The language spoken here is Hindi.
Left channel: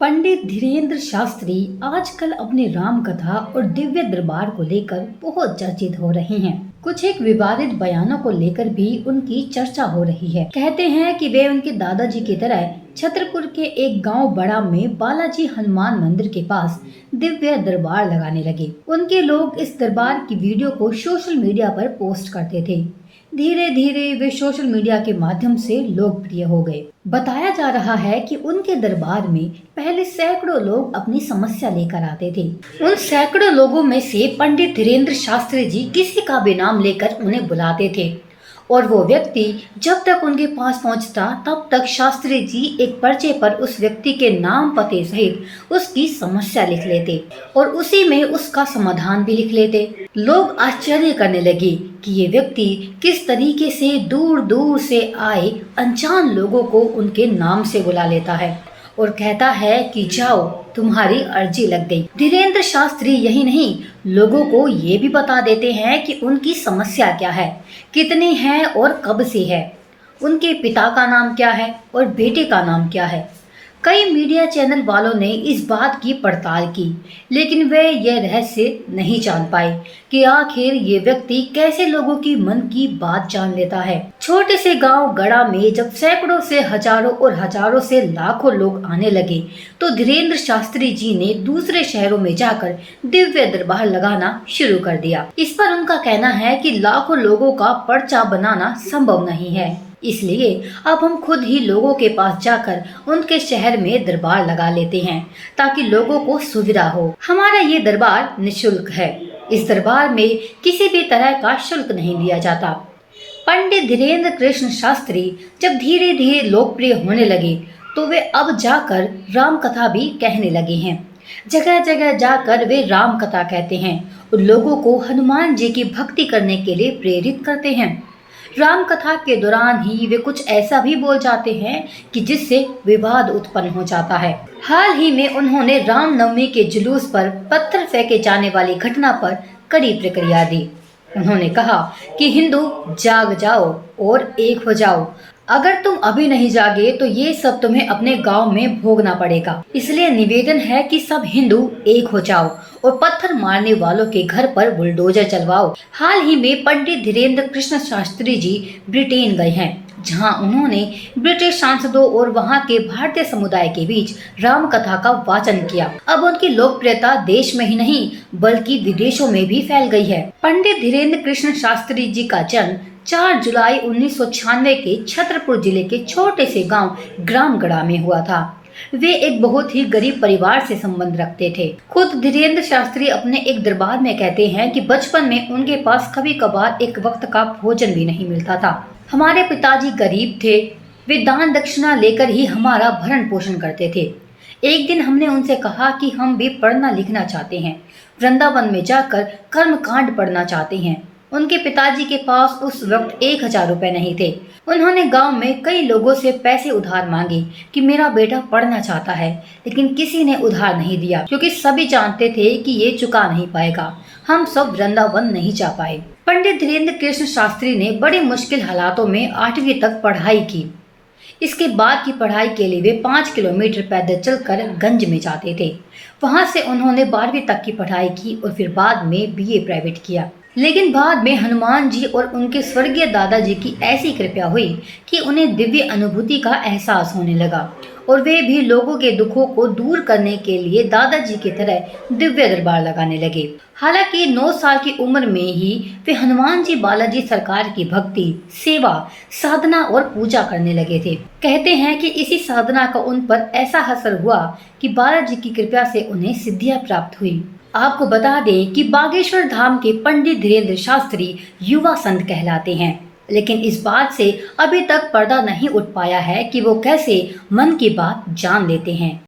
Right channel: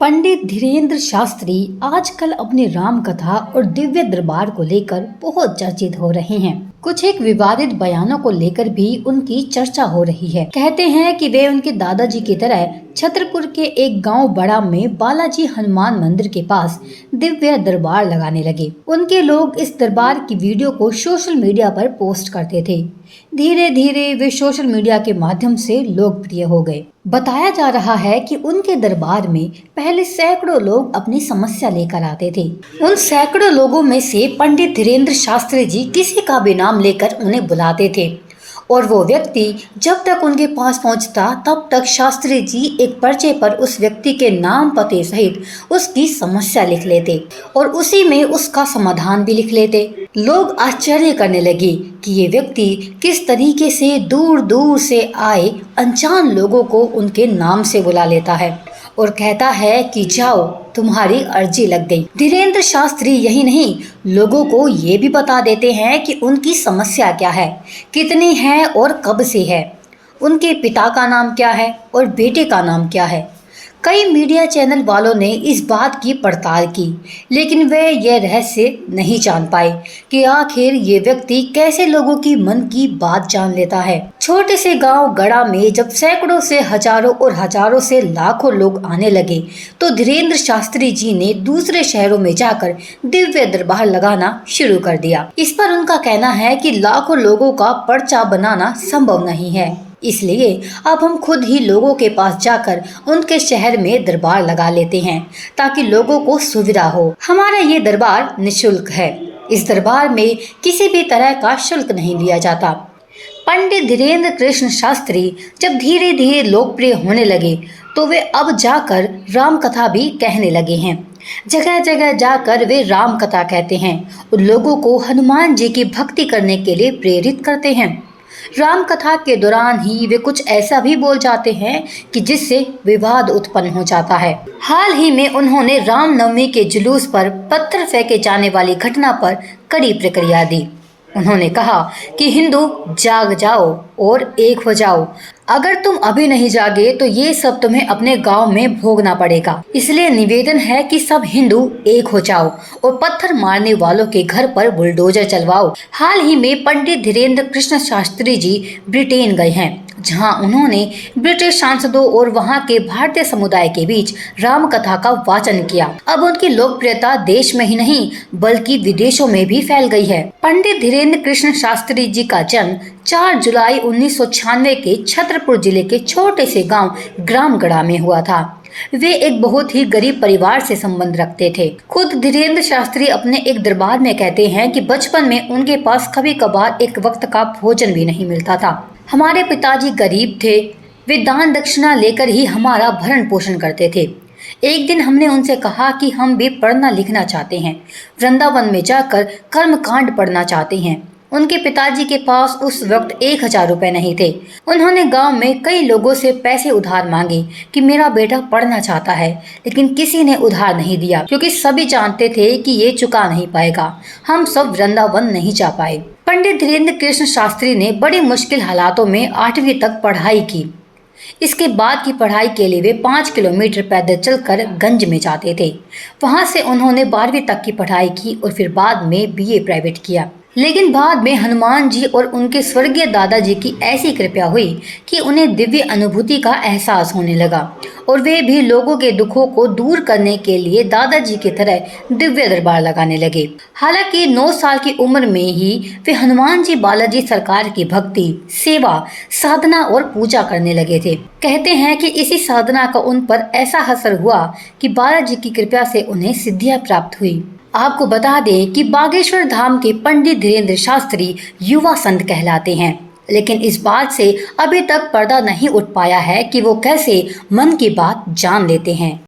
पंडित धीरेन्द्र शास्त्री आजकल अपनी राम कथा और दिव्य दरबार को लेकर बहुत चर्चित हो रहे हैं। कुछ एक विवादित बयानों को लेकर भी उनकी चर्चा हो रही है। कहते हैं कि वे उनके दादाजी की तरह छतरपुर के एक गांव बड़ा में बालाजी हनुमान मंदिर के पास दिव्य दरबार लगाने लगे। उनके लोग इस दरबार की वीडियो को सोशल मीडिया पर पोस्ट करते थे। धीरे धीरे वे सोशल मीडिया के माध्यम से लोकप्रिय हो गए। बताया जा रहा है कि उनके दरबार में पहले सैकड़ों लोग अपनी समस्या लेकर आते थे। उन सैकड़ों लोगों में से पंडित धीरेन्द्र शास्त्री जी किसी का भी नाम लेकर उन्हें बुलाते थे और वो व्यक्ति जब तक उनके पास पहुंचता तब तक शास्त्री जी एक पर्चे पर उस व्यक्ति के नाम पते सहित उसकी समस्या लिख लेते और उसी में उसका समाधान भी लिख लेते। लोग आश्चर्य करने लगे कि ये व्यक्ति किस तरीके से दूर दूर से आए अनजान लोगों को उनके नाम से बुला लेता है और कहता है कि जाओ तुम्हारी अर्जी लग गई। धीरेन्द्र शास्त्री यही नहीं, लोगों को ये भी बता देते हैं कि उनकी समस्या क्या है, कितनी है और कब से है, उनके पिता का नाम क्या है और बेटे का नाम क्या है। कई मीडिया चैनल वालों ने इस बात की पड़ताल की, लेकिन वे यह रहस्य नहीं जान पाए कि आखिर ये व्यक्ति कैसे लोगों की मन की बात जान लेता है। छोटे से गांव गड़ा में जब सैकड़ों से हजारों और हजारों से लाखों लोग आने लगे तो धीरेन्द्र शास्त्री जी ने दूसरे शहरों में जाकर दिव्य दरबार लगाना शुरू कर दिया। इस पर उनका कहना है कि लाखों लोगों का पर्चा बनाना संभव नहीं है, इसलिए अब हम खुद ही लोगों के पास जाकर उनके शहर में दरबार लगा लेते हैं ताकि लोगों को सुविधा हो। हमारा ये दरबार निशुल्क है। इस दरबार में किसी भी तरह का शुल्क नहीं लिया जाता। पंडित धीरेन्द्र कृष्ण शास्त्री जब धीरे धीरे लोकप्रिय होने लगे तो वे अब जाकर राम कथा भी कहने लगे हैं। जगह जगह जाकर वे राम कथा कहते हैं और लोगों को हनुमान जी की भक्ति करने के लिए प्रेरित करते हैं। राम कथा के दौरान ही वे कुछ ऐसा भी बोल जाते हैं कि जिससे विवाद उत्पन्न हो जाता है। हाल ही में उन्होंने रामनवमी के जुलूस पर पत्थर फेंके जाने वाली घटना पर कड़ी प्रतिक्रिया दी। उन्होंने कहा कि हिंदू जाग जाओ और एक हो जाओ। अगर तुम अभी नहीं जागे तो ये सब तुम्हें अपने गांव में भोगना पड़ेगा। इसलिए निवेदन है कि सब हिंदू एक हो जाओ और पत्थर मारने वालों के घर पर बुलडोजर चलवाओ। हाल ही में पंडित धीरेन्द्र कृष्ण शास्त्री जी ब्रिटेन गए हैं, जहां उन्होंने ब्रिटिश सांसदों और वहां के भारतीय समुदाय के बीच राम कथा का वाचन किया। अब उनकी लोकप्रियता देश में ही नहीं बल्कि विदेशों में भी फैल गई है। पंडित धीरेन्द्र कृष्ण शास्त्री जी का जन्म 4 जुलाई 1996 के छतरपुर जिले के छोटे से गांव ग्रामगढ़ा में हुआ था। वे एक बहुत ही गरीब परिवार से संबंध रखते थे। खुद धीरेन्द्र शास्त्री अपने एक दरबार में कहते हैं कि बचपन में उनके पास कभी कभार एक वक्त का भोजन भी नहीं मिलता था। हमारे पिताजी गरीब थे, वे दान दक्षिणा लेकर ही हमारा भरण पोषण करते थे। एक दिन हमने उनसे कहा कि हम भी पढ़ना लिखना चाहते हैं, वृंदावन में जाकर कर्मकांड पढ़ना चाहते हैं। उनके पिताजी के पास उस वक्त 1000 रुपए नहीं थे। उन्होंने गांव में कई लोगों से पैसे उधार मांगे कि मेरा बेटा पढ़ना चाहता है, लेकिन किसी ने उधार नहीं दिया क्योंकि सभी जानते थे कि ये चुका नहीं पाएगा। हम सब वृंदावन नहीं जा पाए। पंडित धीरेन्द्र कृष्ण शास्त्री ने बड़ी मुश्किल हालातों में 8वीं तक पढ़ाई की। इसके बाद की पढ़ाई के लिए वे 5 किलोमीटर पैदल चलकर गंज में जाते थे। वहां से उन्होंने 12वीं तक की पढ़ाई की और फिर बाद में BA प्राइवेट किया। लेकिन बाद में हनुमान जी और उनके स्वर्गीय दादाजी की ऐसी कृपा हुई कि उन्हें दिव्य अनुभूति का एहसास होने लगा और वे भी लोगों के दुखों को दूर करने के लिए दादाजी की तरह दिव्य दरबार लगाने लगे। हालांकि 9 साल की उम्र में ही वे हनुमान जी बालाजी सरकार की भक्ति, सेवा, साधना और पूजा करने लगे थे। कहते हैं कि इसी साधना का उन पर ऐसा असर हुआ कि बालाजी की कृपा से उन्हें सिद्धियां प्राप्त हुई। आपको बता दें कि बागेश्वर धाम के पंडित धीरेन्द्र शास्त्री युवा संत कहलाते हैं, लेकिन इस बात से अभी तक पर्दा नहीं उठ पाया है कि वो कैसे मन की बात जान लेते हैं।